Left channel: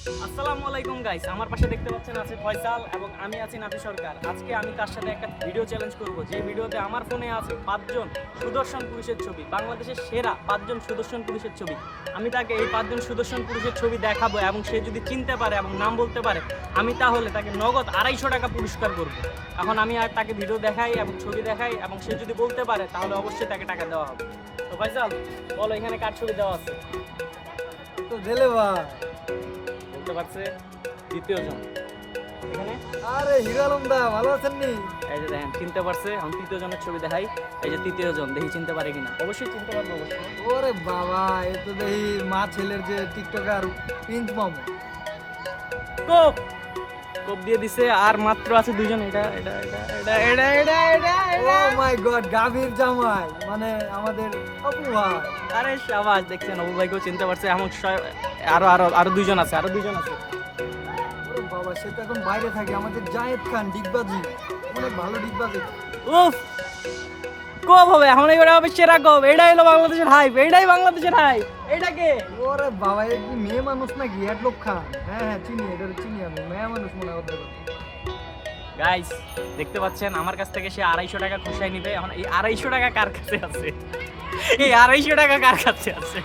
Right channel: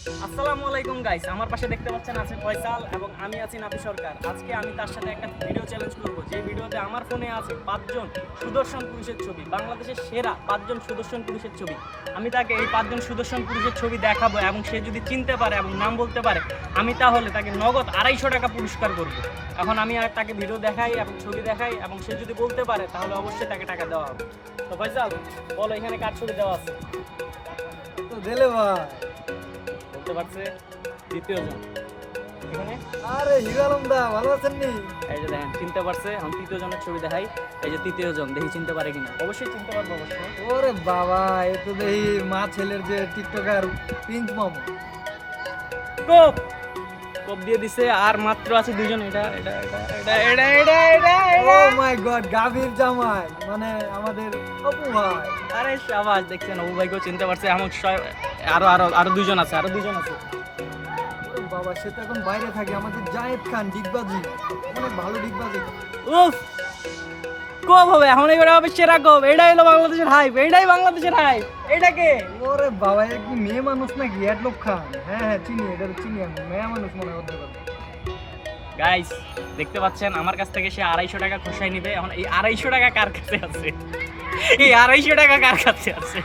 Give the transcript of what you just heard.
আসসালামু আলাইকুম গাইস, আমার পাশে দেখতে পাচ্ছেন আছে ফয়সাল এবং আমি আছি নাফি সরকার। আজকে আমি তার সাথে একটা ভিডিও চ্যালেঞ্জ করব, যে ভিডিওতে আমার ফোনে আছে 5জন সুদর্শন পুরুষের ছবি, বাংলাদেশের সেরা 5জন সুদর্শন পুরুষের ছবি। আমি তাকে এই 5জন সুদর্শন পুরুষের ছবি দেখাবো এবং সে যদি চিনতে পারে এবং নাম বলতে পারে, আমি তাহলে তাকে নগদ 250 টাকা পুরস্কার করব। এখন আমি আর তাকে ভিডিও দেখাই এবং ছবি দেখাই এবং সে যদি বলতে পারে তাহলে অবশ্যই তাকে টাকা দেওয়া হবে। তো ফয়সাল বলো, এখানে কার ছবি দেওয়া আছে? তো দিলে ভাই। বলতে পারছে দ্বিতীয় জন এখানে। আরে হিরো আলম দা, ভালো আছেন নি? এই যে দেখেন চিনতে পারছে। এখন তৃতীয় জনের ছবি দেখাই, এই যে তৃতীয় জন, দেখি চিনতে পারে কিনা। অবশ্যই চিনতে পারবো অবশ্যই। ওরে বাবা, এ তো দেখি মা ছেলের যে টিকটকার পিঞ্চ মামু। কোপ কোপ দিয়ে দিছে, আর মাত্র আছে দুজন। এটা এটা এটা এটা এটা এটা এটা ও মাই গড, গাভীর জামাই মানে আমাদের অপু ভাই। আরে শাবাশ, দেখছেন অবু ভাইকেও চিনতে পারছে। এমন আরো আরো আরো দুজন আছে, আরো দুজন আছে। ওরে বাবা, সে তো এখন বাইরে থাকে। আমাদের জায়েদ খান ডিগবাজি, অনেক ভালো ডিগবাজি। উফ, কোপ হবে এখন, এবারে হবে সেরা কোপ। এটাই হলো বাংলাদেশের হাইপ, এটাই বাংলাদেশের হাইপ। এটাকে ওরে বাবা, এ কি মেয়ে মানুষ নাকি? অ্যাডলক খান। হ্যাঁ হ্যাঁ, চিনি, এটা তো চিনি আমি। মেয়ে মানুষ মনে হতে পারে। গাইস দেখতে পাচ্ছেন আমার কাছ থেকে সে 250 টাকা খুশাই নিবে। এখন এই 250 টাকা কার কাছে আছে? এই 250 টাকা কার কাছে আছে?